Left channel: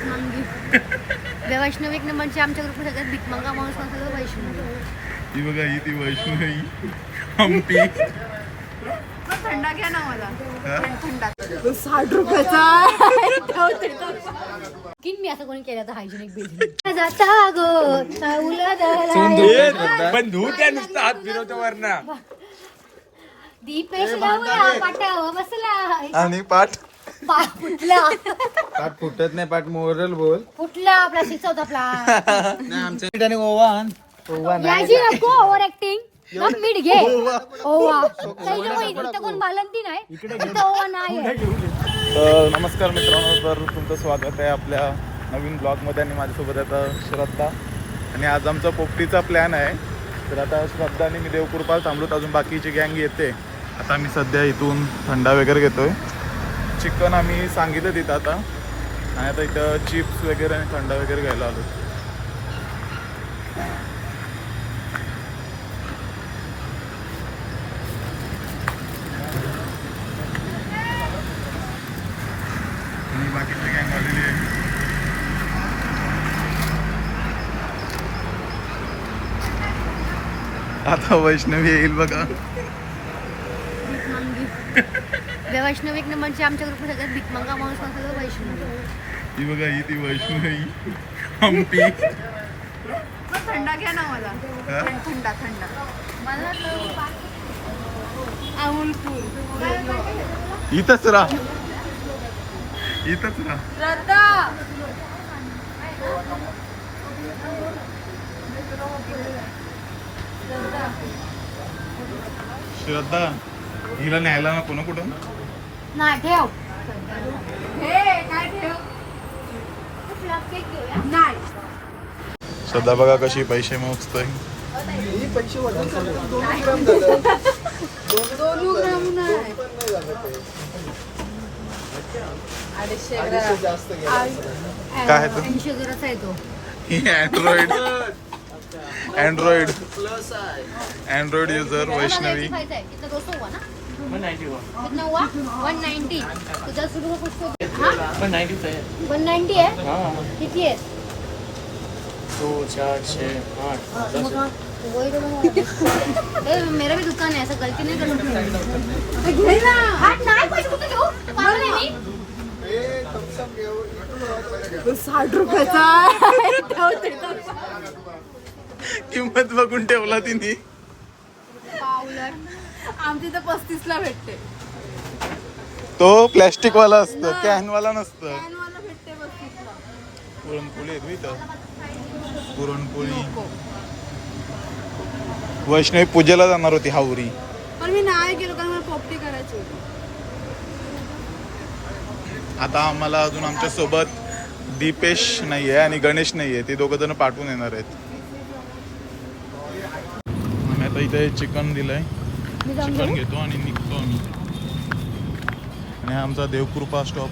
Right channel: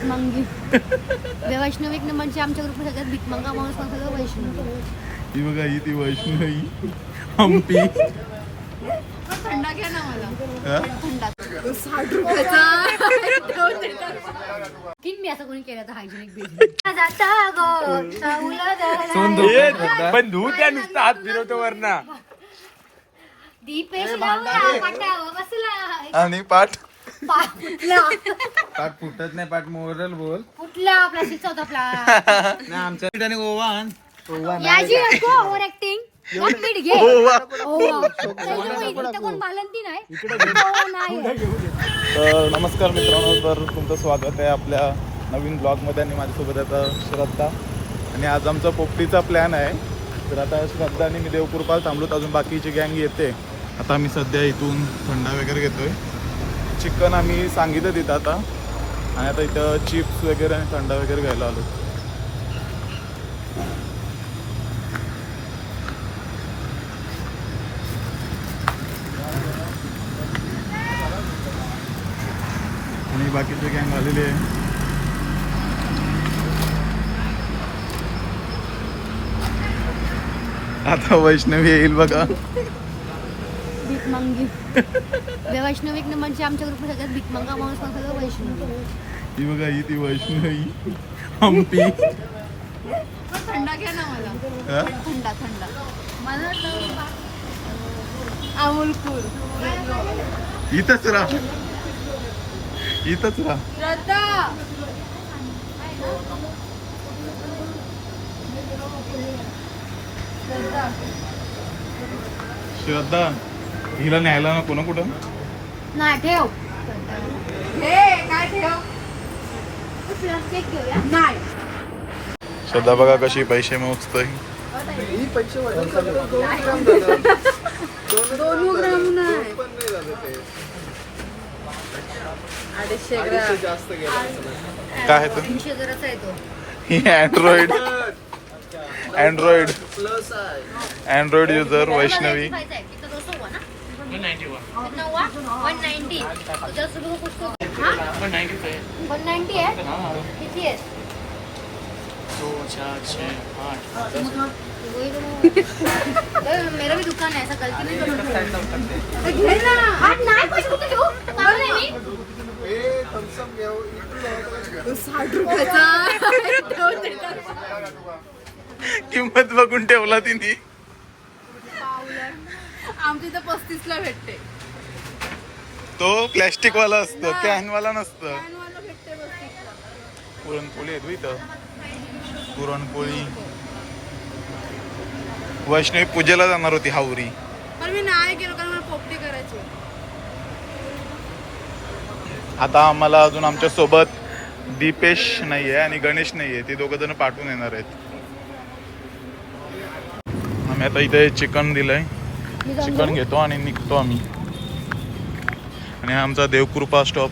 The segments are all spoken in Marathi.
भिकमंगी वैष्णव एक नंबरची आमच्या ग्रुप सगळ्यात भिकमंगा माणूस सगळं वैष्णव. ही बघा ही ती वैष्णवी. हम्पी थंडा घ्या ना मला. हा? थंडा साठ रुपयाचा. किन मी असं कोणी केलं तर हायजेनिक बिल. जाता गो साऊला गला. बंदूक आहे नुसतं हात फिरवतो वरना. दीपेश लावला पाटावर बसला. आणि पाठ पा- कुठला पाठ फुटत नाही पाठ मोरल बोल. कुठला आपला शिकवतो आपला. त्याने ओवान ओवान याची नको ओव्हर ऍक्टिंग मीठ घे. ओवा. त्याच्या मुळे इथं कोण बालंती नाही. ओवा नाही तर नमस्कार मित्रांनो तर तुमचं स्वागत आहे आपल्या नवीन ब्लॉगमध्ये आणि माझ्यासोबत आता श्रद्धा. आणि आज आमचा पोपटीचा प्लॅन आहे. तर आता श्रद्धा आणि मी देवकृपाल थांबलोत. अजून बाकीची गँग येते. आता आम्ही सध्या इथून थंडा वगैरे घेतोय. चिकन आम्ही सांगितलं तिथं आता. आणि आता इथं चिप्स वगैरे आणि थंडा वगैरे घ्यायला आलो आणि बाकीचे गँग आलेले आहे? आता वैष्णवी येईल बघा. भिकमंगी वैष्णव एक नंबरची आमच्या ग्रुप सगळ्यात भिकमंगा माणूस सगळं वैष्णव. ही बघा ही ती वैष्णवी. हम्पी थंडा घ्या ना मला? थंडा थंडा. अमोलपूर. इथंच राहा. इथंच राहा. श्रद्धा श्रद्धा. हिला न्यायला नको ना कुठं? नाही ठेव. हे काय श्रद्धा बघा कशी पैसे मोजतोय. दोन ग्राम नाही. अडीचशे ग्राम. काय आहे. ही वन नाईन्टी आहे? किती आहे? ए, मेरा भी दुकान है ऐसा करके नहीं ना? पागल? साठ रुपयाचा. किंमत बघून ठेवला तिने. आमच्या इथं पस्तीस ला भेटते. तो प्लॅस्टिक वाला असतं कॅन वाला नसतं. भेटते पुरणपोळी आहे इथं. पुरणपोळी. वैष्णवी पूजेला जाणार होती हावरी. पण मी नाही गेलो कारण मला पोपटी करायची होती. आता आम्हाला अजून आमच्यासोबत दीपेश नाहीये आणि गणेश नाहीये ते दोघं जण पाठवून येणार आहेत. आम्ही आता इथे चिकन दिलंय. चिकन? घेतो आणि निघतो आम्ही. आणि हा आमचा देवकृपा स्टॉप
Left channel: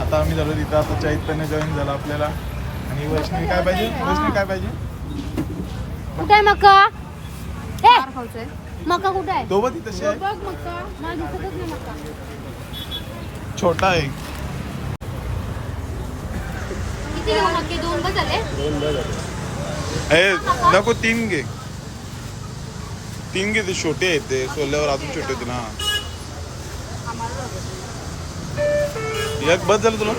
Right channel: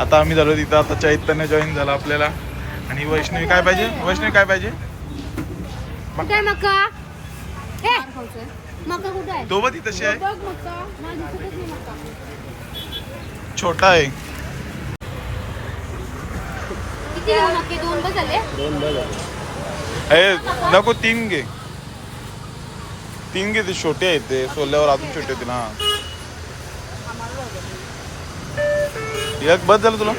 आता आम्ही झालो तिथं आता चैतन्य जॉईन झाला आपल्याला. आणि वैष्णवी काय पाहिजे? वैष्णवी काय पाहिजे? मका हे मका कुठे आहे? तो बघ तशी आहे बघ मक्का. मला दिसतच नाही मक्का. छोटा आहे. किती घेऊ मके दोन बस झाले? ए नको तीन घे. तीन घे ते छोटे आहेत ते. सोल्यावर अजून छोटे होते ना एक बस झालं तुला?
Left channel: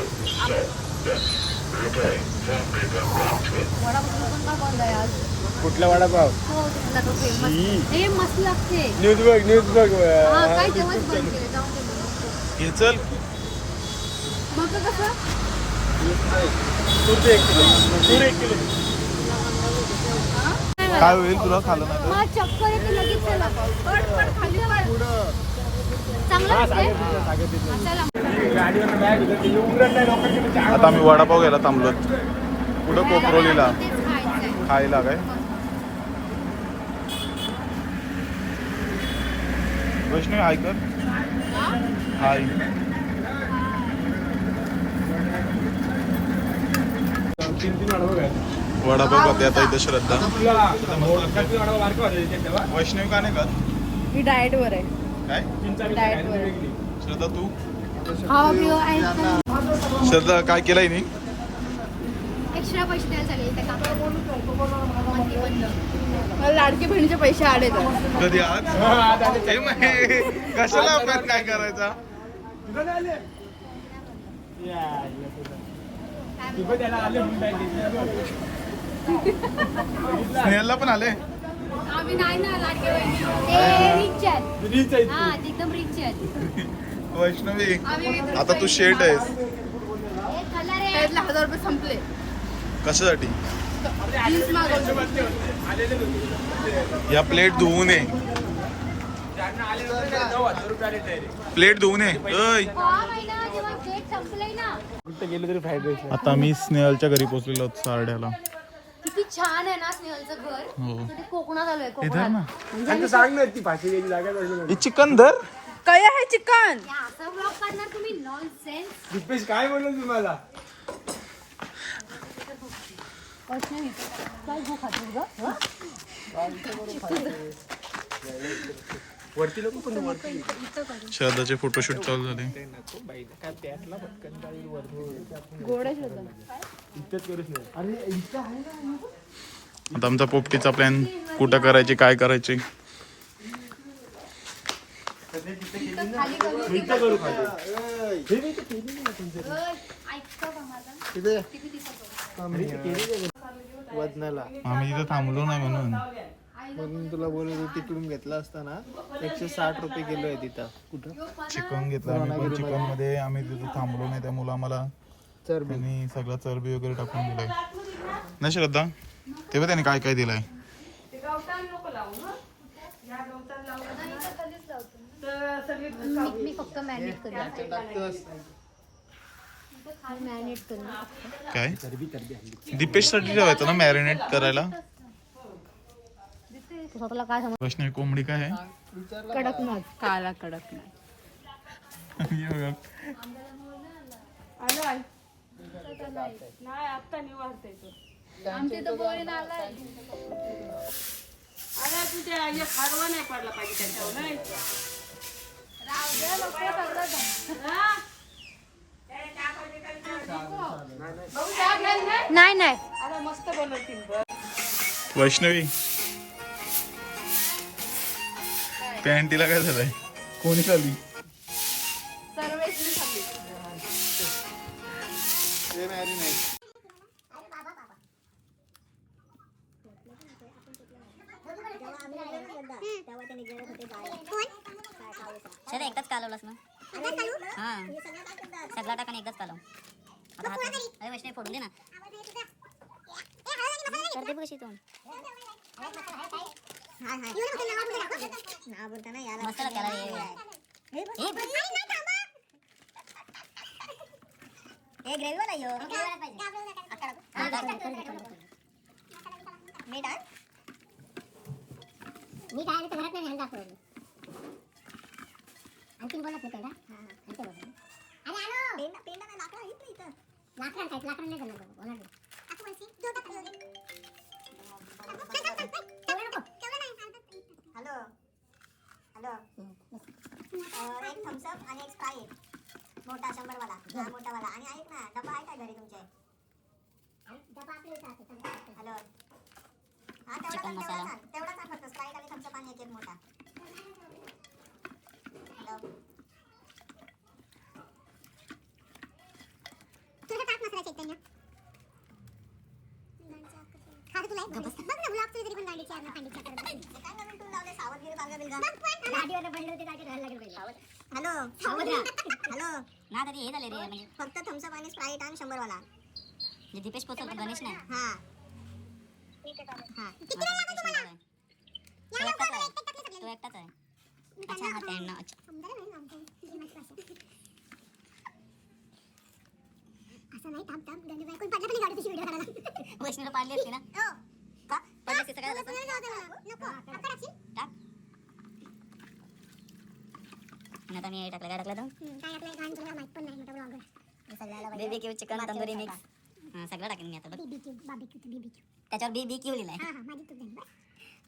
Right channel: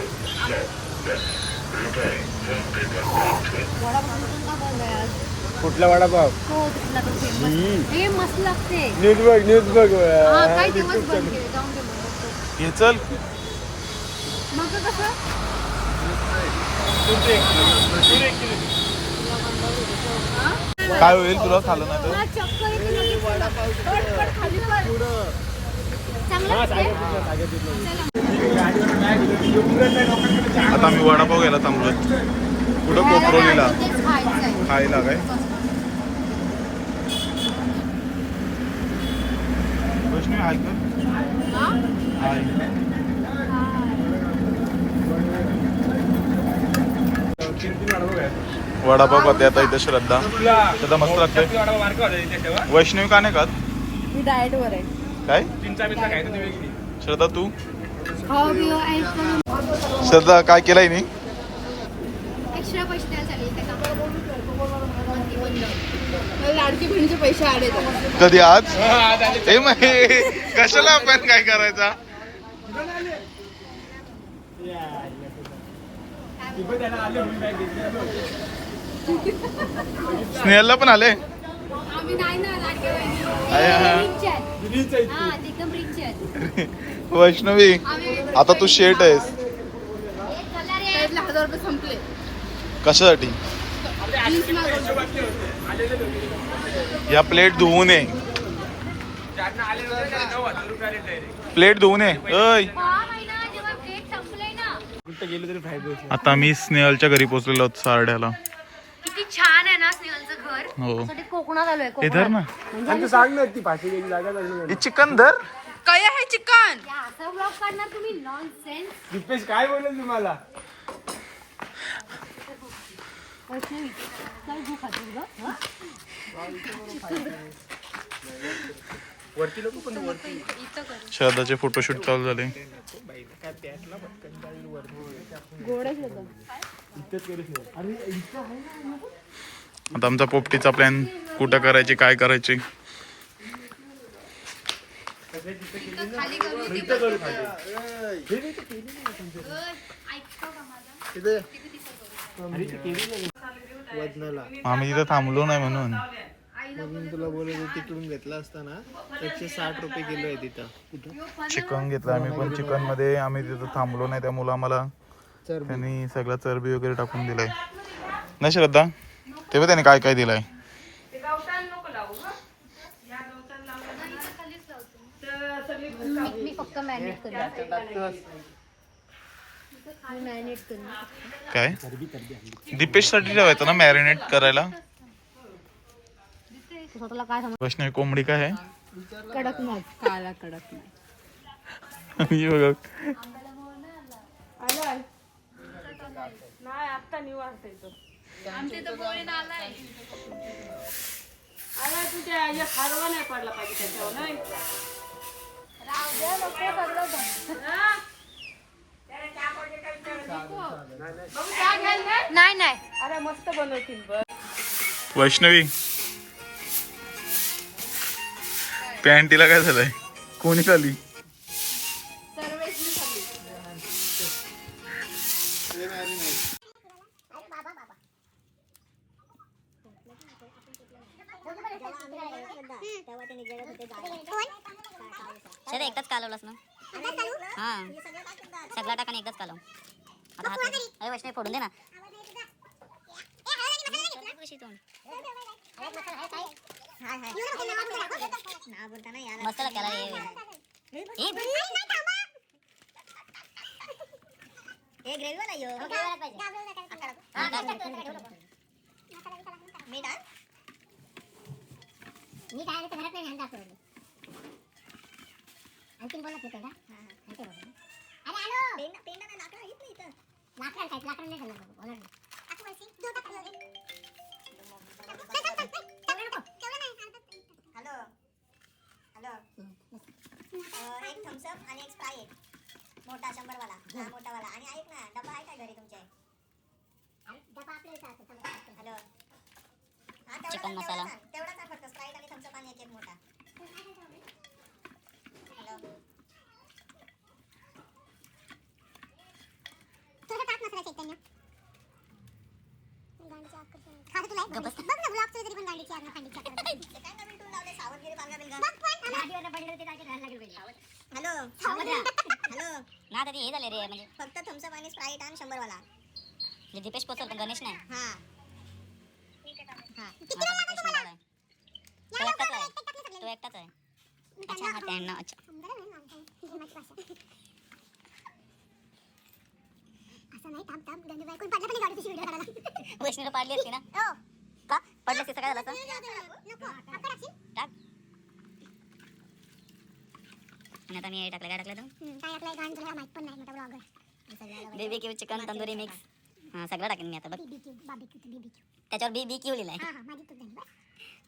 कुठला वडापाव हो तुला तो famous. हे मस्त लागते न्यूज बघ न्यूज बघ हा, काय तेव्हाच बंद केले जाऊन दे मग. हे चल कसं काय होईल तुला खाल्लं ना तर मला चक्कर येते लगेच चला. पट, पट, खाली पट. चांगलं वाटतंय? चला. आता आम्ही वडापाव घ्यायला थांबलो कुठं कोपरोलीला तेच खायचंय. खायला काय वैष्णवी हाय कर हाय वडापाव खाते आता इथे श्रद्धा. श्रद्धा मस्त लागते वैष्णवी का नाही खात? मी डाएट वर आहे. काय? श्रद्धा तू? हा मी श्रद्धा काय केलंय मी एक्स्ट्रा पैसे द्यायला झाले इथे का? मला लाडकी बहिणीचे पैसे तर कधी आज? हे कशाला आपण काय करायचा? स्नेहलला पण आले? वैष्णवी आता तू शेट आहेस. कशासाठी? या प्लेट धुवू नये. प्लेट धुवू नये. आता मी स्नेहलच्या घरी पोहोचलेलो आहोत सारड्याला. किती छान आहे ना स्नेहलचं घर. हो. कोकणात आलोय हे धर ना. काय हे चिकन धर. काय आहे चिकन? असा ब्लॉग काढणार खातो ग श्रद्धाचे फोटोशूट चालू झाले. आता आमचा पोपटीचा प्लॅन कुठं करायची काय करायची? खाली करू वजनाला आम्ही तिथं थांबलो नाही म्हणून. म्हणून तुला बोलत होतो तिकडून घेतला असताना. एकशे साठ रुपये किलो आहे तिथं. कुठं? चिकन घेतलं आम्ही पण चिकनमध्ये. आम्ही तिथं थांबलो नाही त्यामुळे आम्हाला त्यांनी सगळं चरबी वगैरे टाकून दिलाय. ना श्रद्धा तेव्हा त्याने काय काय दिलंय? फक्त मॅरिनेट करू मॅरिनेट करू काय? दीपेशसाठी ठेवायचं ना मॅरिनेट करायला? स्वतःला काय समज वैष्णवी कोंबडी काय आहे? कडकनाथ काला कडकनाथ ही बघा. आमच्या इथं पोळी आलाय नाही नाही? वैष्णवी. पॅन्टीला काय झालंय? कोणी शरे एकदाच कालवलास ना? हा. सगळा टाका आणि एकदाच कालव आता हात अरे वैष्णवी फोडून दे ना. कशी तोंड मसाला केला हा. मी काय घरात नाही दाखवलं आणखीन बोलत नाही का? अरे आलो! लाकडां काय लाकडां नाही झालं बोला नाही हॅलो. हॅलो. एक थम्सअप आणि एक स्प्राईट मोठा शंभर वाला हा. मोठा वाला आणि ऐक ना डबा आहे का घरी तुमच्या हॅलो. हा चिकन मसाला. तेवढाच आहे. फक्त. स्प्राईट आणि थम्सअप आणि एक मोठा. हॅलो पण हॅलो. ना हे झाले रे म्हणजे फक्त थम्सअप आणि स्प्राईट आणि शंभर वाला जे दीपेश पोचल पण गणेश नाही. हा. तो आहे. तो एकटाच आहे. अच्छा हा त्यांना अच्छा. कोण पडलं असती ना? का? पडली असती टाकशील टाक. आता मी हे टाकलं काय टाकलं तर barbecue chicken tandoori mix हा, सगळं टाकेन मी आता बघ. त्याच्यावर बी बी क्यू लिहिलंय. हा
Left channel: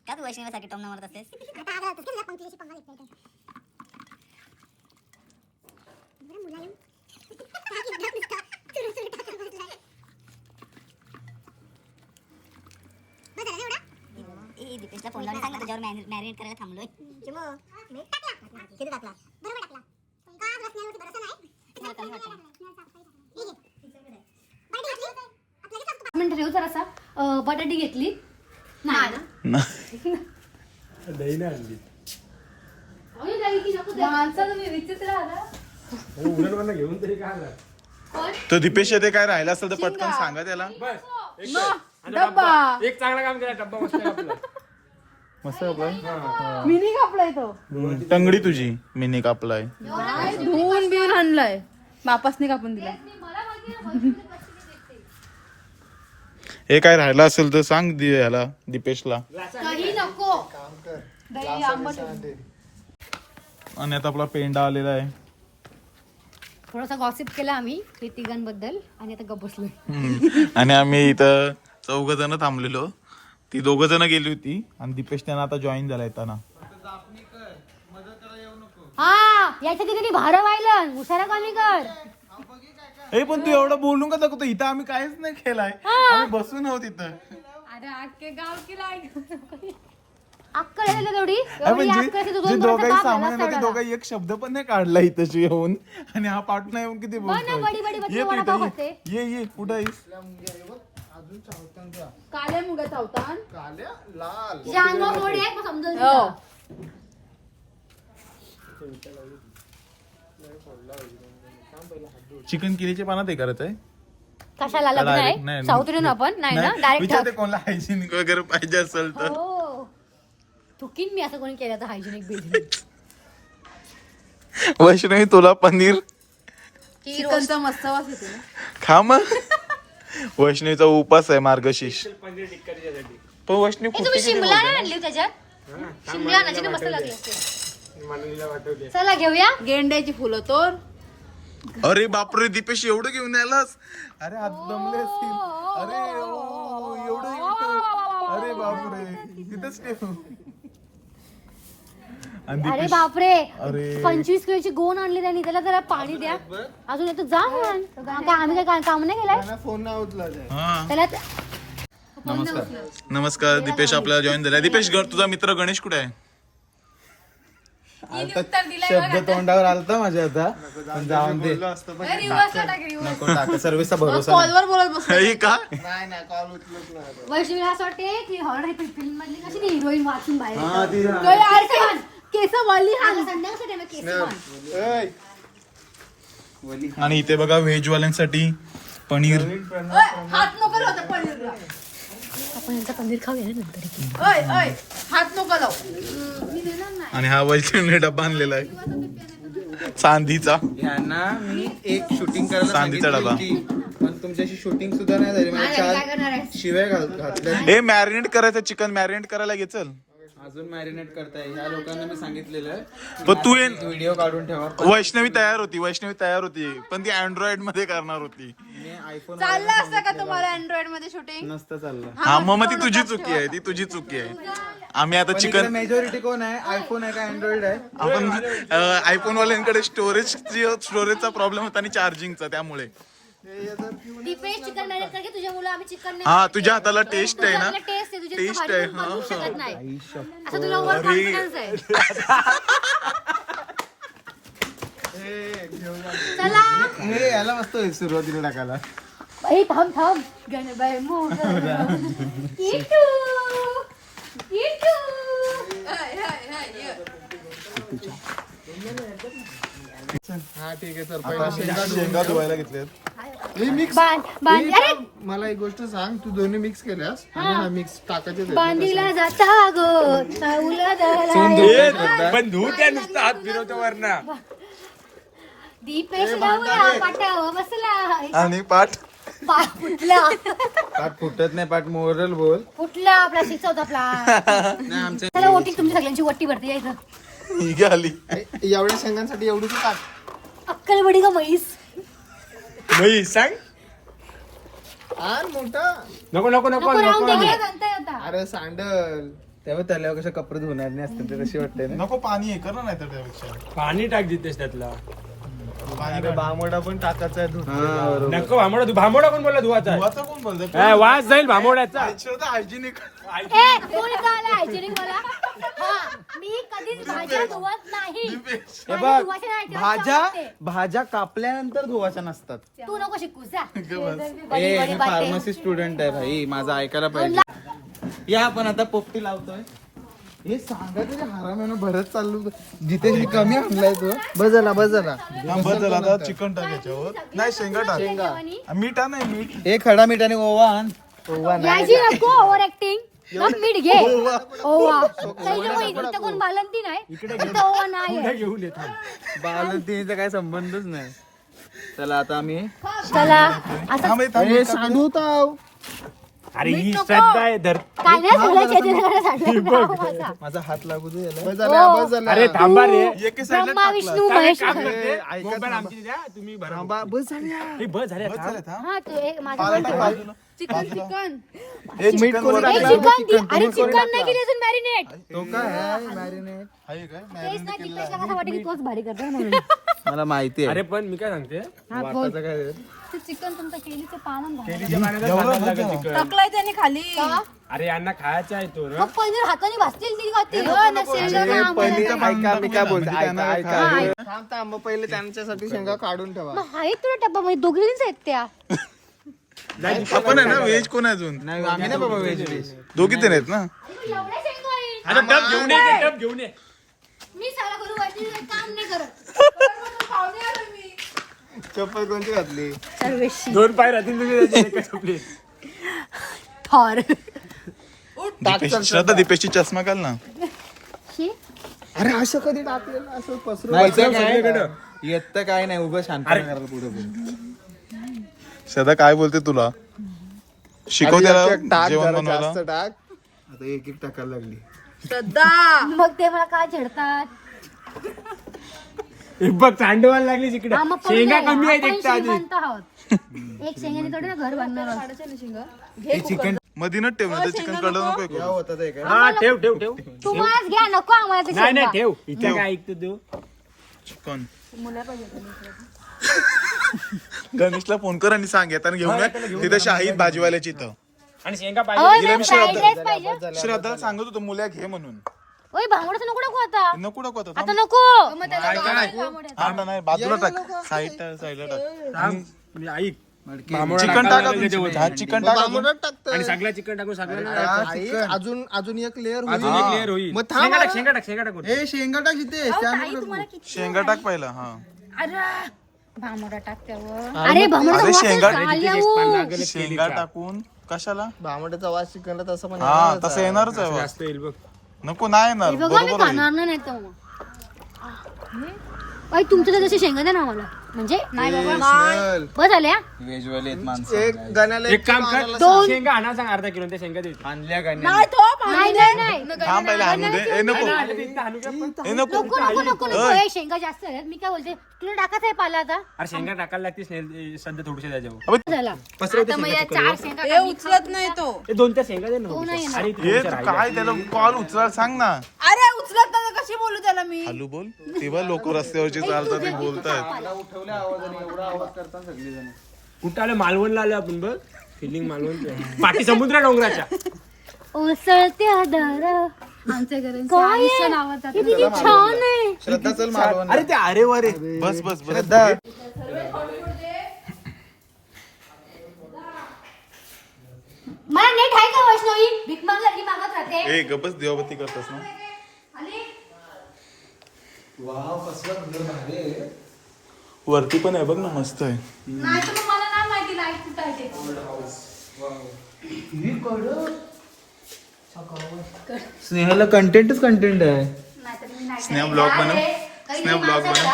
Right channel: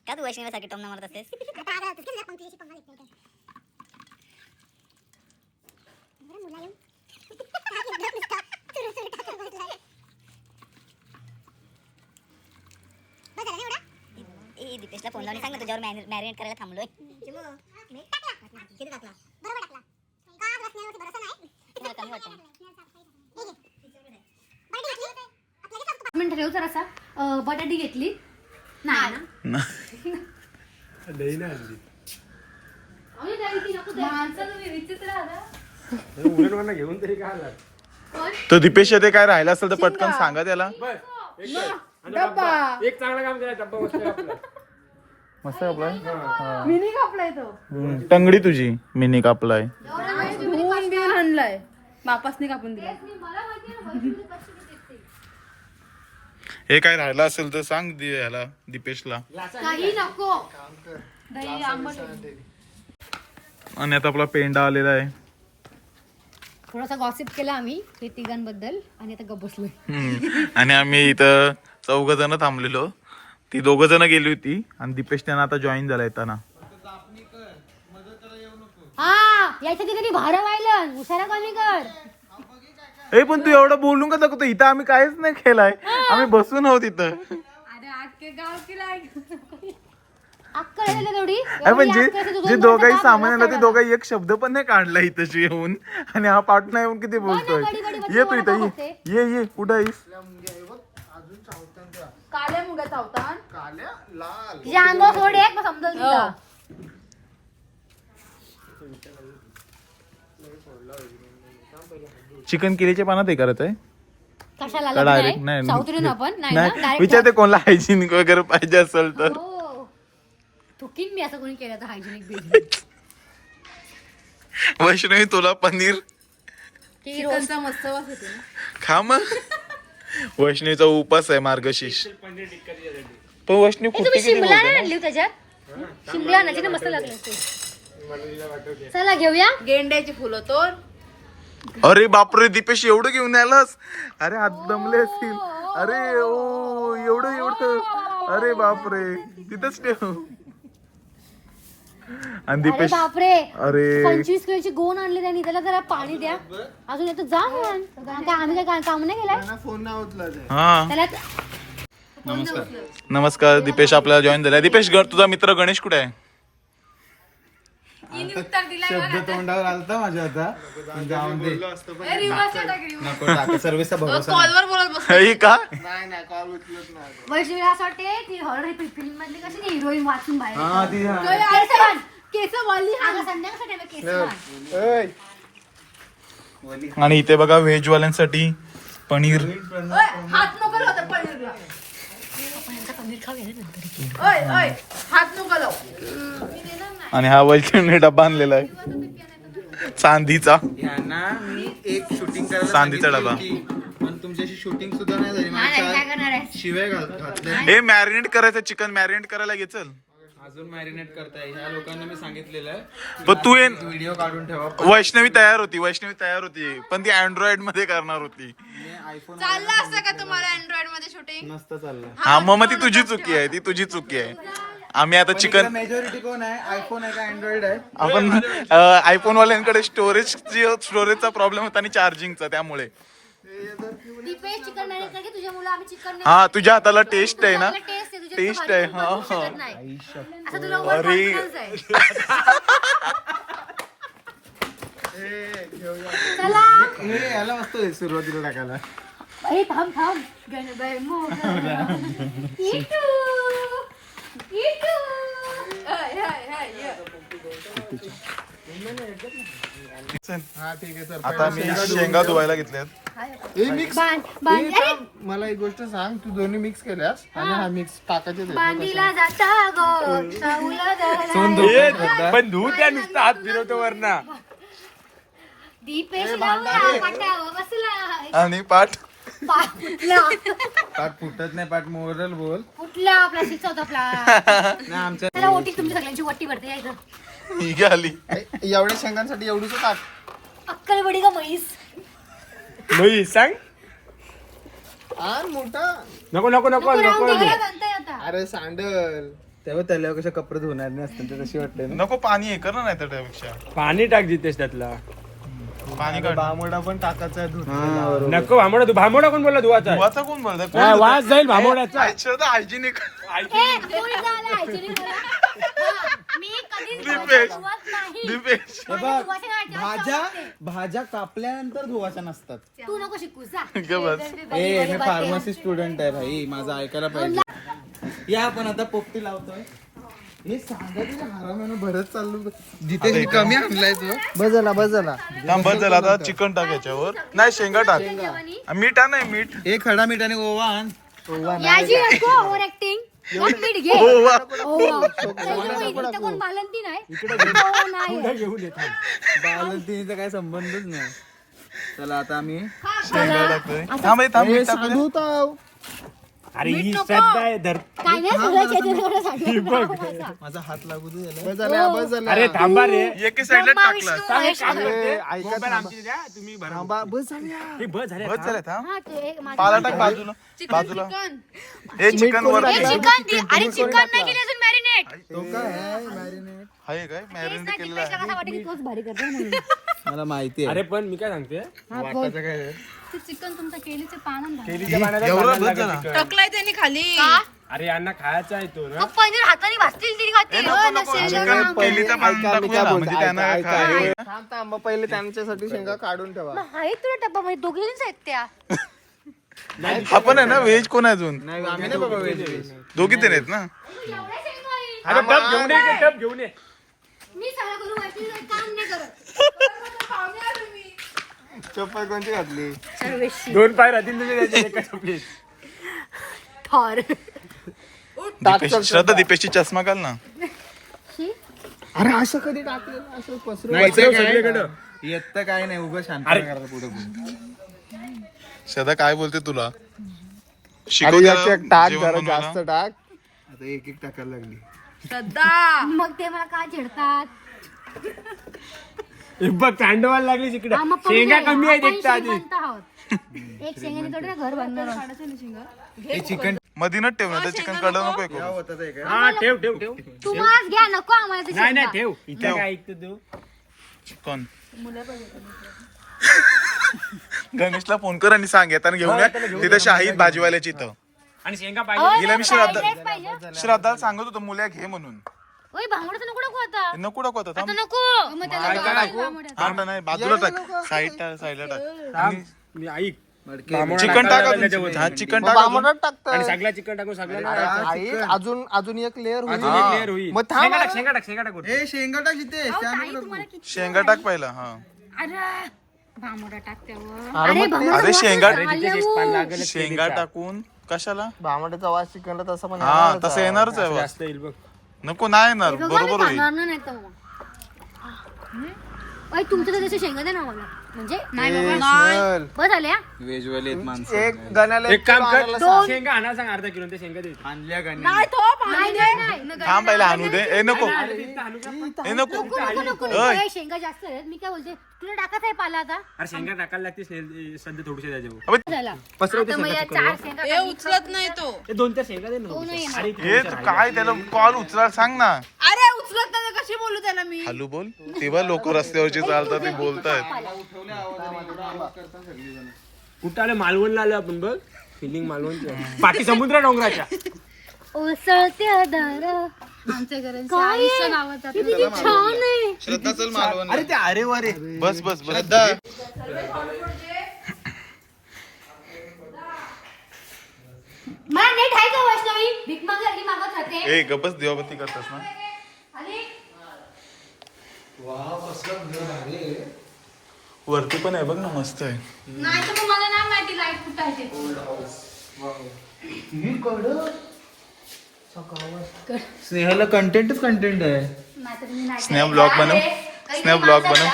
का तू वैष्णवीसाठी टोमना मारत असतेस? ए दीपेशला फोन लावून सांग ना तुझ्यावर मॅरिनेट करायला थांबलोय? मला कमी वाटतं हे ठेव जरासा. अं, बटाटी घेतली. नाही ना? दही ना आणली. माणसं तुम्ही विचित्र आहात. उडण घेऊन तरी काय आला? तो दीपेश येते काय राहिला असेल तर पटकन सांगा त्याला. डब्बा. एक चांगला काम केला डब्बा मस्त आपला. मस्त आपलं? मिनी कापलाय तो. टंगडी तुझी मिनी कापलाय. मी आणलाय मापासने कापून दिलाय. हे काय राहिलं असेल तर सांग दि- ह्याला दीपेशला. काही नको. दही आंबट. आणि आता आपला पेंडा आलेला आहे. थोडासा गॉसिप केला आम्ही हे तिघांबद्दल आणि आता गप बसलो हम्म. आणि आम्ही इथं चौघ जण थांबलेलो. ती दोघ जण गेली होती आणि दीपेश त्यांना आता जॉईन झाला येताना. हा याच्या तिथे भाडं व्हायला. उशारा कमी कर? ए पण तू एवढं बोलून का दाखवतो? इथं आम्ही काहीच नाही केलाय आम्ही बसून आहोत इथं. अरे अख्खे गाव की अक्कल आहे ना तेवढी? अरे एवढी पण जे अक्कल आहे, तू दोन जे दोन दोघाही तास सामान झाला आणलं ते सगळं. दोघाही एक शब्द पण नाही काढला इथं येऊन. आणि हा पाटणा येऊन किती बोलतोय? बडी बडी बच्चे ये तू वडापाव इथं खाते. ये. ये ये. कुठं आहेस? काल्या अंगावर फोड आहे मग समजून हो. चिकन किरीच्या पानात हे करत आहे. कशाला लग्न Direct- आहे नाही, साऊथ इंडियन आपण? नाही ना? विचारते डायरेक्ट कोणाला हायजिनिक वगैरे पाहिजे असेल तर. हो. थुकीन मी असं कोणी केलं तर हायजेनिक बिझनेस वैष्णवी तुला पनीर? चिकनचा मस्त वास येतो ना. खा मग. वैष्णवीचा उपास आहे मार्गशीर्ष. पण वैष्णवी तुम्ही फुटती किती शिमला बोलते नाही ना? आणली त्याच्यात? शिमला ना मस्त लागले असते. चला घेऊया. गेंड्याची फुलं तोर अरे बापरे दीपेश एवढं घेऊन आलास? अरे हात दमले असतील. अरे ओ एवढं एवढं. अरे बापरे तिथंच ठेव. आणि अरे दीपेश बापरे अरे. पंचवीस किलोची गोण आणली त्यांनी. त्याला जरा पाणी द्या. अजून येतो. जा म्हण काय आम्ही काय काम नाही केलाय? फोन नाही उचलायचा हा. त्याला नमस्कार. नमस्कार दीपेश आपल्याला जॉईन झालाय. दीपेश ग- तुझा मित्र गणेश कुठे आहे? शब्द तोंडावर आलता माझ्या आता. पण जाऊन दे. नको सर्विसचा भरोसा नाही. कॉलवर बोलत बस हे का? नाही नाही कॉल उचलत नाही. वैष्णवीला असं वाटते की हॉरर फिल्म मधली कशी ती हिरोईन वाचून बाहेर हा, ती- केस बांध. केस वाली संध्याकाळचा time आहे, केस बांध. ओय. आणि इथे बघा व्हेज वाल्यांसाठी पनीर. हात नको लावता पनीरला. पनीर खाऊया ना नंतर ओय ओय हात नको लावू. आणि हा वैष्णवीने डब्बा आणलेला आहे. चांदीचा. यांना मी एक शूटिंग करायला चांदीचा सांगितली डबा. होती, पण तुमच्याशी शूटिंग सुद्धा नाही झाली. मला काय चार करणार आहे शिवाय घातल्या. हे मॅरिनेट करायचं चिकन मॅरिनेट करायला घे अजून मॅरिनेट करताय. ह्या लोकांना मी सांगितलेलं आहे. पण तू ये व्हिडिओ काढून ठेवा. वैष्णवी तयार होती वैष्णवी तयार होती. पण ती अँड्रॉइडमध्ये करणार होती. मी आयफोन चाललं असतं का तुम्हाला अँड्रॉइडमध्ये शूटिंग नसतं चाललं. हा मग मग ती तुझी चुकी आहे ती तुझी चुकी आहे. आम्ही आता चिकन मेजॉरिटी कोण आहे? आयफोन आहे का अँड्रॉइड आहे? आपण आयफोन वाल्यांकडे स्टोरेज स्टोरेजचा प्रॉब्लेम होता आणि चार्जिंगचा त्यामुळे. दीपेश चिकन तुझ्या मुलं आम्ही चिकन हा तुझ्या हाताला टेस्ट आहे ना? टेस्ट आहे तुझ्या टेस्ट आहे हा हा. आई शप्पथ. असं तुला वर अरे. confidence आहे. हे याला मस्त आहे सुरुवातीला टाकायला. ए थांब थांब. हा ठीक आहे सर आता मी शेंगा धुवायला घेतल्यात. हे मिक्स बांध बांध अरे! मला एक गोष्ट सांग. तू दोन्ही मिक्स केल्यास आणि हा मिक्स टाकायचे बांधीला जाता गो. साऊला जायला पण धू त्या नुसतं हात फिरवतो वरना. दीपेश लावला पाटावर बसला. आणि पाठ. पाठ फुटत नाही पाठ मोरल बोल. फुटला आपला शिक्षा होता आपला. त्याला ओटी तुमची सगळ्यांची वट्टी भरती यायचं ही घाली एवढ्या शेंगांसाठी एवढीच टाक अक्कल बडी का म्हैस. नाही सांग. आण मोठा. नको नको नको नको राहून नको दे नंतर आता. अरे सांडल. तेव्हा त्याला कसे कपडे धुणार नाही असतील ते कशी वाटते ना. नको पाणी हे कर ना नाही तर त्यापेक्षा. पाणी टाक जितेश त्यातला. पाणी अरे काढ बामोडा पण टाकायचा आहे धुणं नको भामोडा तू भामोडा कोण बोलला? धुवाचा धुवाचा कोण बोलतो वास जाईल भामोड्याचा. हायजिनिक ए कोण झालं hygienic मला? हा, मी कधीच भाज्या दीपेश. धुवत नाही. दीपेश. हे मला बघ नाही, भाज्या. भाज्या कापल्यानंतर धुवाच्या नसतात. तू नको शिकू जा. ग बस. ए हे. फार्मसी स्टुडंट आहे भाई माझं ऐकायला पाहिजे. या आपण आता पोपटी लावतोय. हे सांगा तुझ्या हरामानं भरत चाललो. जिथे मी कमी आणलाय तो. बस झाला आता चिकन टाक याच्यावर. नाही शेंगा टाक. आ, मीठ हा नाही मीठ. हे खडा मिठाने ओवा आण. ओवा नाही. याची नको ओव्हर ऍक्टिंग मग मीठ घे. ओवा. ओवा. काही नको इथं कोण बालंती नाही. ओवा नाही. आहे. घेऊन ये थांब. बालंतीचा काही संबंधच नाही. चला आता आम्ही चला. आता थांब हे मीठ. सांडू ताव अरे ही श्रद्धा आहे धर काय नाही. माझा हात लागू दे याला. बस झाला बस झाला. अरे थांबा रे. एके साईडला ब्रह्मा टाकला. विष्णू काय महेश. काम आहे. करते ऐका मोबाईल थांबा. आमची द्या तुम्ही भरा. थांबा बस हे झाले बस झालं थांब हा तू एक माझा- पाला टाक बाजूला. बाजूला. हे चिकन कोणी वर ए, टाकलं? चिकन दे. अरे चिकन नाही केली अजून मॅरिनेट तो काय आहे? मॅरिनेट आहे काय? तेच मॅरिनेट ना केलेलं आहे. मला माहिती अरे आहे पण मी काय सांगते? हा काय? ते चिकन तुमचं केलीचं पानं घाल. केळीच्या पाण्याचा एवढा पाण्याला बस झाला? लागत चिकन. टाकलाय त्यांनी खाली. का? अरे यांना खायचा आहे तो ना. मग पनीर हाताने भाजतील तरी खातील हो, नसेल. चिकन ना. पहिलीचं पाणी ऐका, मी टाकूया काय ना, बोलतो, म्हणजे त्यांना ऐका, काय ऐका. खायला थांब थांब मग पहिले त्यांच्यासाठी शेंगा काढून ठेवा. मग तुला डब्बा? मध्ये दोघीच आहेत त्या. आपण आहे ना व्हेज कोण आहे अजून? नाही आम्ही नाही बाबा व्हेज व्हेज. दोघी जण आहेत ना. अरे टप घेऊन ये टप घेऊन ये. मी सगळं करू वैष्णवी काम नाही करत. चप्पल कोणती घातली? दोन पाय राहतील तुझे त्याच्यात एका दीपेश श्रद्धा दीपेशची चष्मा घाल ना. अरे असं कधी टाकलेलं असं पसरून नाही, ते काय सगळीकडं. येत काय नाही उभं शांत करायला पुढे श्रद्धा काय बोलते तुला? शिकव त्याला जेवण बनवायला. टाक. आता एक एक टाकायला लागली. मग ते मला काय छेडतात? हे बघ चांडवायला लागली तिकडे हा, मग शेंगा. कमी आहे आपण तिकडे आधी. श्रीमंत आहोत. एक शेंगाने थोडी ना घर बांधणार आहोत. हे चिकन मधीनच ठेव ना चिकन कळलं नको हे करू. होतं ते काय हा ठेव ठेव ठेव. तू आज घ्या नको आम्हाला ते नाही नाही शेंगा. ठेव. इथे काय ऐकतो देऊ चिकन. गणेशला फोन कर आणि सांग येताना घेऊन या. तिथे शाहीद भाजीवाल्याची इथं. आणि शेंगा पाहिजे. हिला मी श्रद्धा. श्रद्धाला सांगत होतो मुल्या घे म्हणून. ओय भांगड्याचं नको नको आता. नको नको आता आता थांब. नको. काय काय आता नाही. बाजूला टाक. साईड साईडला टाक. थांब. मी ऐक. चिकन टाका हा चिकन टाका. आणि सगळा चिकन टाकून सगळ्या अजून अजून एक लेअर अजून एक लेअर होईल. मग थांब शेंगा टाक. शेंगा टाक शेंगा टाक. वरती. हे शेंगा टाक इथे. शेंगा टाक पहिला हा. अरे भांगडा टाक त्यावर अरे भांगडा अरे शेंगा लागेल शेंगा टाकून कशाला? भामड्याचा वास चिकनला तसं पण हा तसं येणारच आहे बा. जास्त येईल बघ. नको नाही येणार. बघा, मी बरोबर होईल नाही तर मग. तुमच्या शेंगा द्या ना मला म्हणजे नाही बाबा. माणसं. एक गण्याला एक काम कर शेंगा आणा सांग अर्धा किलो ते शेंगा देते. आणल्या गण्या नाही नाही नाही थांब पहिला आणू दे. ए नको. ए नको. नको नको नको नको ए, शेंगा जास्त आहेत. मी काय बोलते? तुला टाकायचं आहे पाला आता. अरे शेंगा टाकायला सध्या थोडीशी त्याच्यावर. झाला. पसरवते शेंगा चिकन हे उचलत नाही तो. हे दोन त्या शेंगा दे ना. नाही येणार. अरे हे तू काय त्याला कॉल उचला सांग ना. अरे उचलत नाही तर कशी बोलू त्याला मी? हॅलो बोल. तेव्हा लोक रस्त्यावरची चालतात ते बोलतायत. उठवल्या आवाजाने एवढा आवाज करतात सगळेजण. कुठं आलं? मालवणला आलो आपण बघ. फिलिंग मालवण. पाठी समुद्र डोंगराच्या. ओसळत्या दर. आमच्या घरांचं आयुष्य नावाचं हे किती छान आहे. श्रद्धा चल मालवण. अरे ते अरे वारे. बस बस बस. मला नेट आहे का वैष्णवी? भीक मागली मागत राहते. ए गपच करतास ना. वरती पण आहे बघ ना मस्त आहे नाही तर मग मला नाही माहिती लाइट कुठं आहे ते. स्नेहाला कंटेंटच कंटेंट आहे नाही तर मी नाही. स्नॅप ब्लॉग बनव स्नॅप ब्लॉग बनव.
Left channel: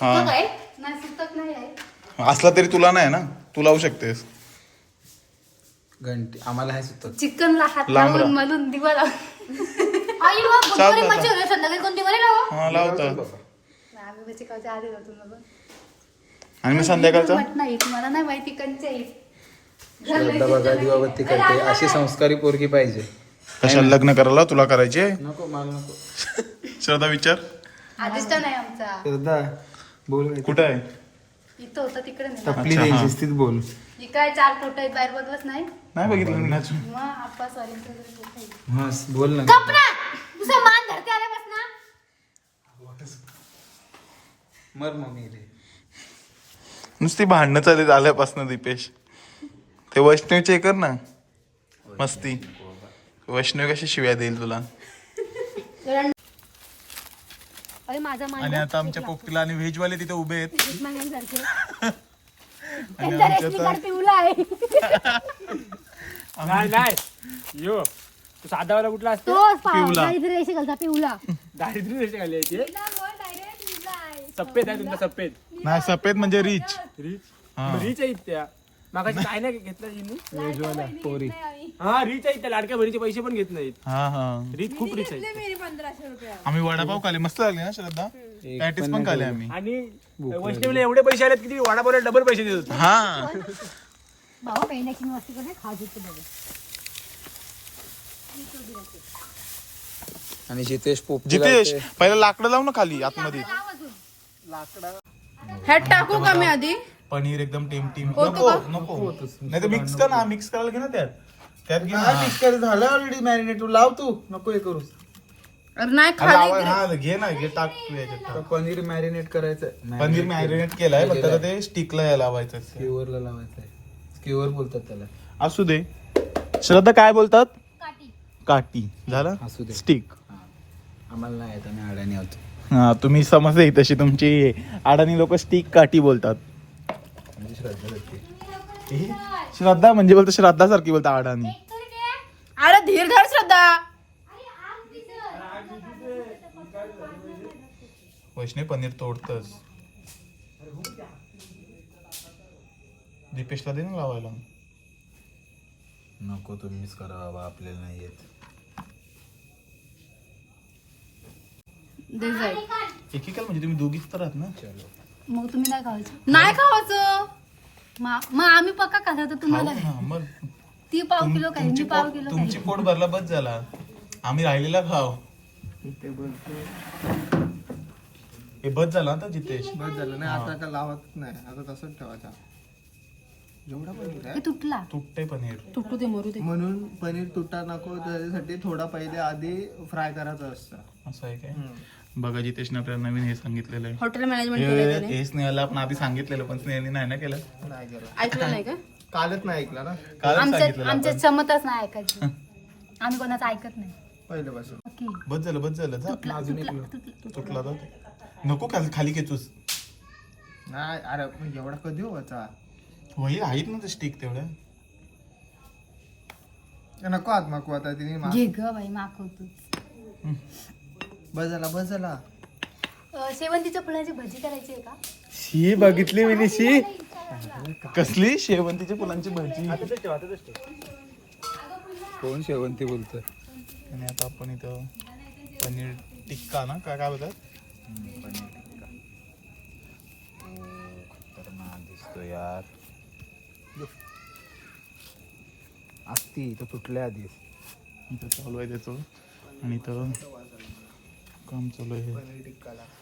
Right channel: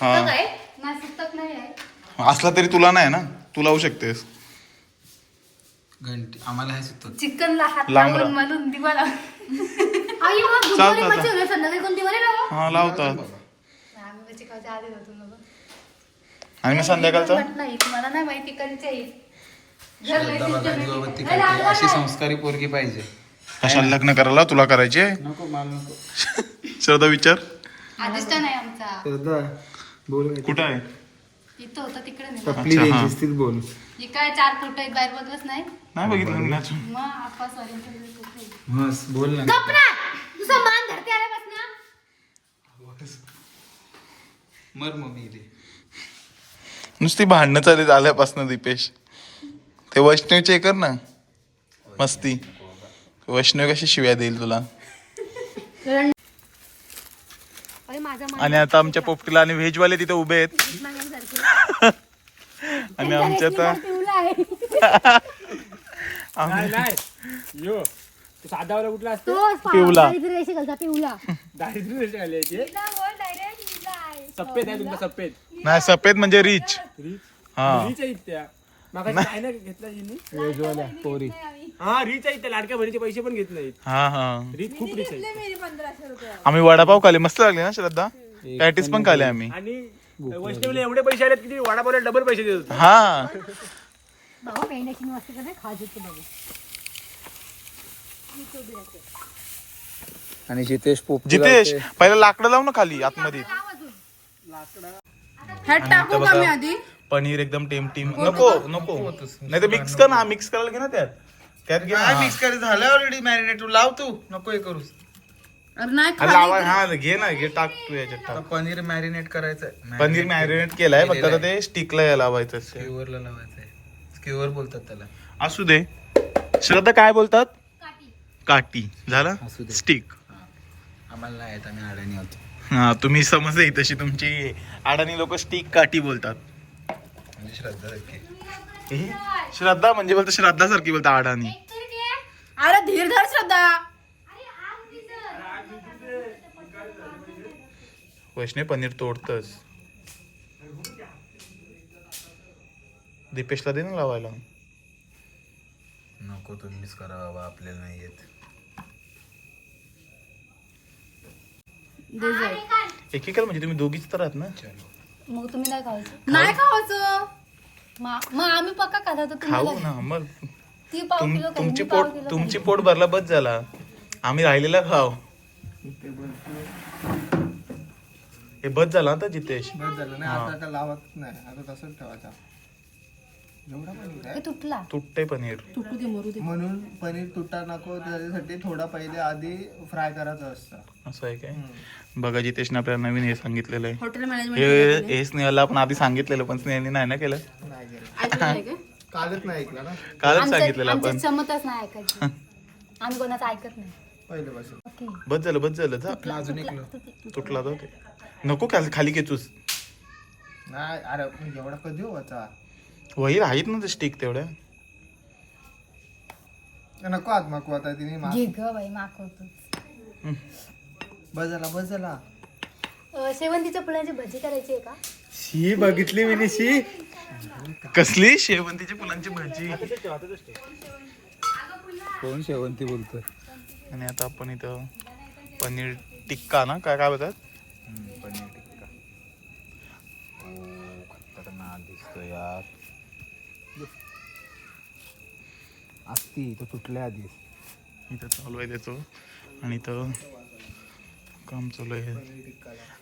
हा सुतक आहे? नाही, सुतक नाही आहे. असला तरी तुला नाही ना तू लावू शकतेस घंटे. आम्हाला हे सुचत चिकनला हात लांब लावून राहा. दिवा लावून. आई चालतं, संध्याकाळी लावा? हा लावतात आम्ही चिकाच्या आधी जातो ना गं. आणि मग संध्याकाळचा? नाही मला नाही माहिती कंचे येईल श्रद्धा बघा दिवाबत्ती करते. अशी संस्कारी पोरगी पाहिजे. कशाला लग्न करायला? तुला करायचे? नको मला नको. श्रद्धा विचार. आधीच तर नाही आमचा. श्रद्धा बोल. कुठं आहे? इथं होतं तिकडे नाही. अच्छा हा. व्यवस्थित बोल. ही काय चार फोटो आहेत बाहेर बघलंच नाही? नाही बघितलं मी अजून. मग सॉरी मस्त बोल ना. तुझा मान धरते आल्यापासून मर मम्मी नुसती भांडणं चालत आल्यापासून दीपेश. ते वैष्णवचे हे कर ना. मस्ती. वैष्णव कशी शिव्या देईल तुला? अरे माझा मान आणि आता आमच्या पोपटीला आणि व्हेजवाले तिथे उभे आहेत. आणि आमच्या आहे. नाही नाही. यो तो साधावाला कुठला असतो. रेषे घालता पिवला दारिद्र्य रेषा खाली आहे ते. सफेद आहे तुमचा सफेद. नाही सफेद म्हणजे रिच रिच हा. रिच आहेत त्या मागा काय नाही घेतला हिने? पोरी. हा रिच आहेत त्या लाडक्या बहिणीचे पैसे पण घेत नाहीत. हा हा. रिच खूप रिच आहे. आम्ही वडापाव खाले मस्त लागले ना श्रद्धा? पॅटीस पण खाले आम्ही. आणि वैष्णवले एवढे पैसे आलेत की वडापावला डबल पैसे देत होते. हा. भावा बहिणाची मस्ती कसं खाज होते बघू. आणि जितेश पोप जितेश पहिला लाकडं लाव ना खाली आतमध्ये. ह्यात टाकू का मी आधी? पनीर एकदम टेमटीम नको नको. नाही तर मिक्स कर ना मिक्स करायला घे ना त्यात. त्यात घे. मिक्स कर झालं ऑलरेडी मॅरिनेट लाव तू. नको हे करूस. अरे नाही अरे लावा- हा घे ना घे टाक तू याच्यात आता पनीर मॅरिनेट करायचं पनीर मॅरिनेट केलाय फक्त आता ते स्टिकला लावायचं असते. लावायचं आहे बोलतात त्याला. असू दे. श्रद्धा काय बोलतात? काटी झाला? असू दे. स्टिक. आम्हाला नाही येत आम्ही अडाणी आहोत. हा तुम्ही समजते तशी तुमची अडाणी लोक स्टिक काटी बोलतात. म्हणजे श्रद्धा हे, श्रद्धा म्हणजे बोलतो श्रद्धा सारखी बोलता अडाणी. अरे धीर धर श्रद्धा. वैष्णव पनीर तोडतच दीपेशला दे ना लावायला. नको तुम्हीच करा बाबा आपल्याला नाही येत. एकेकाला म्हणजे तुम्ही दोघीच तर आहात ना? मग तुम्ही नाही खायचं नाही खावायचं. मा- मग आम्ही पक्का खाता तर तुम्हाला खाऊ ना मग ती पाव तुम- किलो तुमची मी पाव पोट किलो तुमची पोट भरला बस झाला. आम्ही राहिलेला खाव हे बस झाला आता जितेश बस झालं. नाही आता का लावत नाही. आता तसंच ठेवायचा. जेवढा पनीर खाईन. आहे तुटला. तुटते पनीर. तुटू दे मरू दे. म्हणून पनीर तुटा नको त्याच्यासाठी थोडा पहिले आधी फ्राय करायचं असतं. असं आहे काय? बघा जितेशने आपल्याला नवीन हे सांगितलेलं आहे. हॉटेल मॅनेजमेंट हे हे स्नेहाला आपण आधी सांगितलेलं पण स्नेहाने नाही ना केलं? नाही केलं. ऐकलं नाही का? कालच नाही ऐकलं ना? कालच सांगितलेलं आपण. चमतच नाही ऐकायची. आम्ही कोणाचं ऐकत नाही. पहिल्यापासून. ओके. बस झालं बस झालं. जा. अजून एक तुटला होता ते नको खाली खाली खेचूस. नाही अरे एवढा कधी व्हायचा वही आहेत ना ते स्टिक तेवढ्या. नको आत नको आता तिने मा- घे ग बाई मागवतो बस झाला बस झाला. शेवंतीच्या फुलांची भजी करायची आहे का? शी बघितली मी शी कसली? शेवंतीच्या फुलांची भाजी. कोण शेवंती बोलतो आणि आता आपण इथं पनीर टिक्का ना काय काय बोलतात? दिसतो यार. असती तर तुटल्या आधी. इथं चालू आहे त्याचं. आणि इथं काम चालू आहे.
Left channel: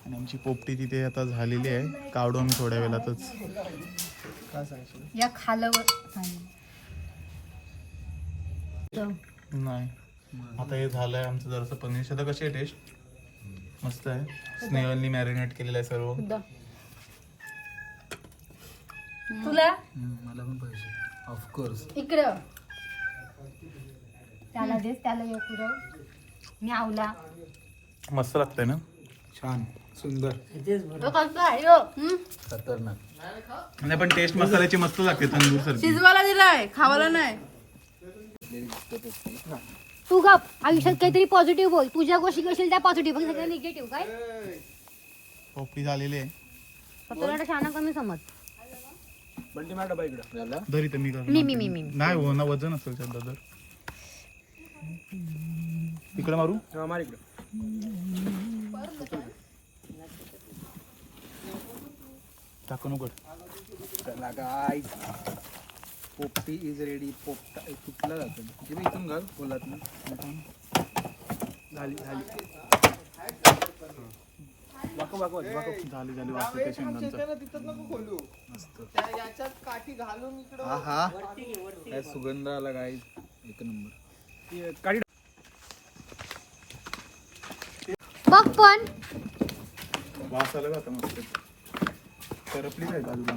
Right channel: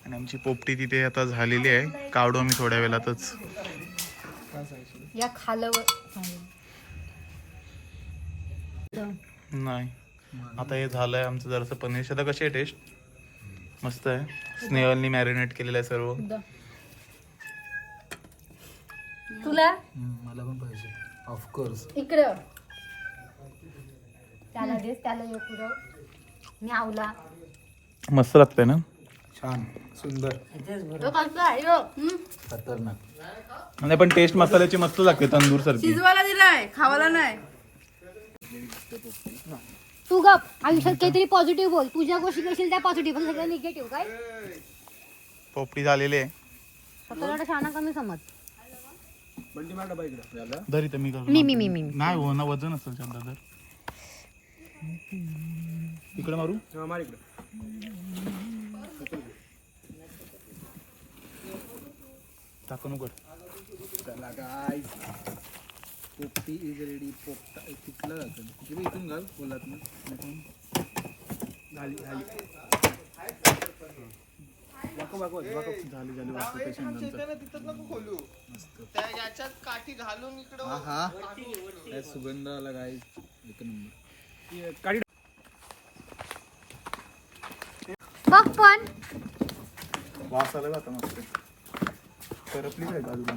आणि आमची पोपटी तिथे आता झालेली आहे. काढू आम्ही थोड्या वेळातच. या खालवर. नाही. आता हे झालंय आमचं जरासं पनीर. शेता कशी आहे टेस्ट मस्त आहे. स्नेहलनी मॅरिनेट केलेलं आहे सर्व. तुला? मला पण पाहिजे. ऑफकोर्स इकडे. त्याला देस त्याला मी आवला. मस्त लागतंय ना? छान. सुंदर. तो आहे? हं? खतरनाक. नाही पण टेस्ट मसाल्याची मस्त लागते तंदूर सारखी शिजवायला दिलाय खावायला नाही. तू गप. आयुष्यात काहीतरी पॉझिटिव्ह बोल. तुझ्या गोष्टी करशील त्या पॉझिटिव्ह पण सगळं निगेटिव्ह काय? पोपटी झालेली आहे. स्वतःला शाना कमी समज. बंटी मार डबा इकडं. बरी तर मी करतो. मी- मी- मी- मी- नाही हो ना वजन असेल सध्या तर. इकडे मारू? हा, मार इकडं. टाकू नको. चला गाय पोपटी इज रेडी पोपटा कुठला जातो इथे इथून घाल फुलात झाली झाली. वाकव वाकव वाकव. झाली झाली वाकव. त्या शेंगांचं हा हा. काय सुगंध आला गाय एक नंबर. काढी. बघ पण. वास आला का आता मस्त. करपली काय बाजूला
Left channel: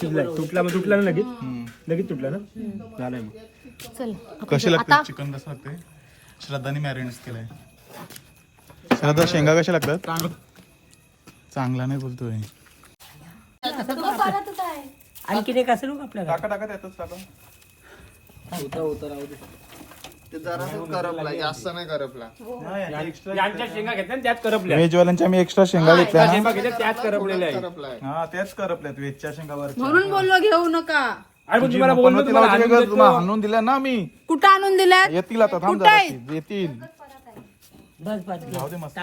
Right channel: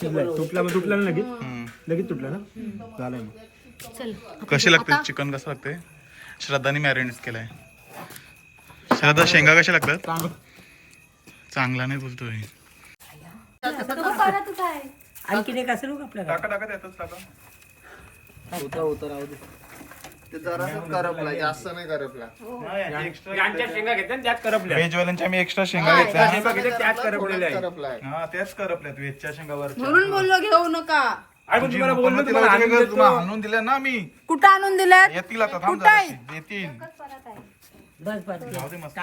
शिजलाय तुटला मग तुटला ना लगेच. लगेच तुटला ना? झालंय मग. चल कसे लागते चिकन कसं लागते? श्रद्धाने मॅरिनेट केलंय. श्रद्धा शेंगा कशा लागतात? चांगला नाही बोलतोय. टाका टाका त्यातच टाका. होता होता राहू दे. ते जरासच करपला जास्त नाही करपला. यांच्या शेंगा घेतल्या त्यात करपल्या. मी एक्स्ट्रा शेंगा घेतल्या. शेंगा घेतल्या त्यात करपलेल्या आहे. करपलाय हा त्याच करपल्यात व्हेजच्या शेंगावर म्हणून बोललो घेऊ नका. आणि मग तुम्हाला बोललो तुम्हाला आणून देतो. दिल्या ना मी? कुठं आणून दिल्यात? येतील आता थांब. येतील. जाऊ दे मस्त.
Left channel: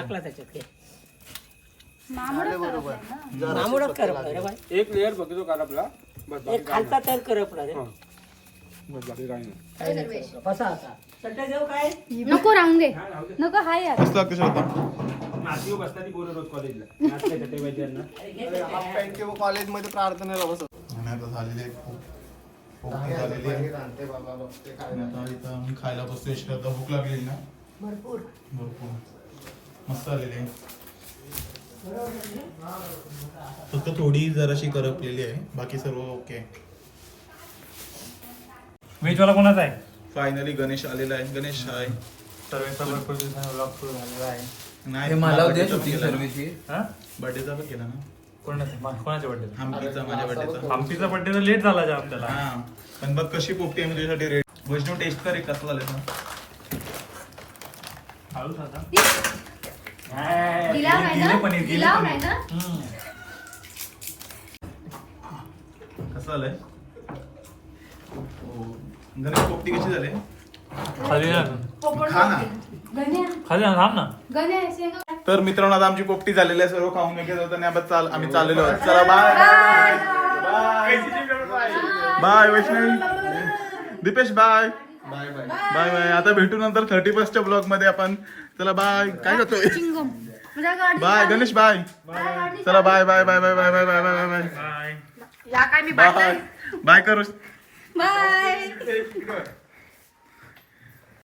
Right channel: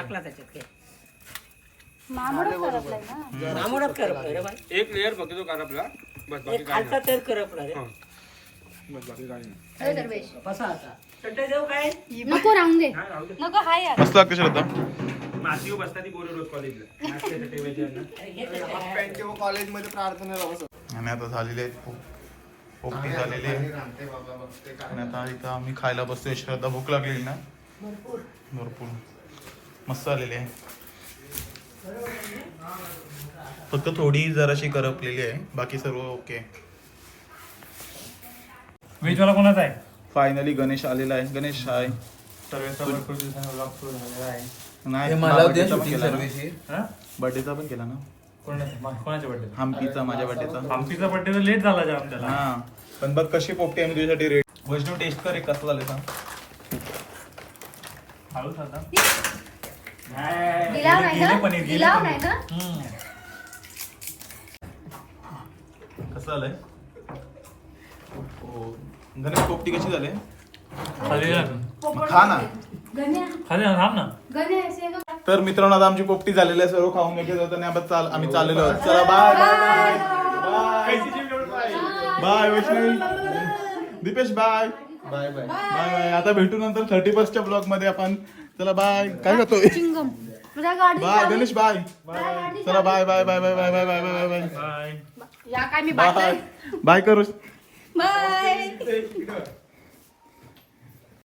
एक लेअर फक्त तो करपला बस बाकी काय नाही. हं. बस बाकी काय नाही नको राहून दे. राहू दे. नको हाय यार. मस्त लागते श्रद्धा? मातीवर बसतात ती रोज कॉलेजला नाचते ते पाहिजे यांना. कॉलेजमध्ये प्रार्थनेला बसत आणि आता झालेले आहेत पोप- पोपटी झालेली. आहे आणि आता इथं आम्ही खायला बसतोय. श्रद्धा भूक लागलेली ना? भरपूर. भरपूर. मस्त आलेली आहे. फक्त थोडी जराशी करपलेली आहे. बाकी सर्व ओके. व्हेजवाला कोणाचा आहे? फायनली गणेश आलेला आहे. गणेश हाय सर्वेचा भरपूर दिवसांनी ब्लॉग सुरू झालेला आहे. नाही मला उद्या शूटिंग केला हा? पण ना. कोणाचा? कोणाच्या हम्पीचा माझ्या बर्थडेचा हम्पीचा बर्थडे तर लेट झाला जाम त्याला. हा. पण बरं कशी पोपटी आहे तुझ्यासाठी रेट वैष्णव टेस्ट कर एक कसं झालं सांग हळूच आता. नाही गेले ना? पनीर, गेले गिलाव पनीर. नाही ना? कसं झालंय हो. घरी पोपटी कशी झाली? खाली ना. खा ना. गण्या. खाली ना थांब ना. तर मित्रांनो आता आमची पोपटी झालेली आहे सर्व खाऊन वगैरे होतं आणि आता चाल आम्ही चाललेलो आहोत. चला bye bye bye bye Vaishnavi Deepesh bye bye bye bye bye आता भेटू नंतर थर्टी फर्स्टच्या ब्लॉगमध्ये आपण. चला बाय काय करतोय? Chewing gum. तुझ्या गाडी बाय गणेश बाय चला bye bye bye bye bye bye bye bye bye bye या काय मी बाय बाय करू. Bye.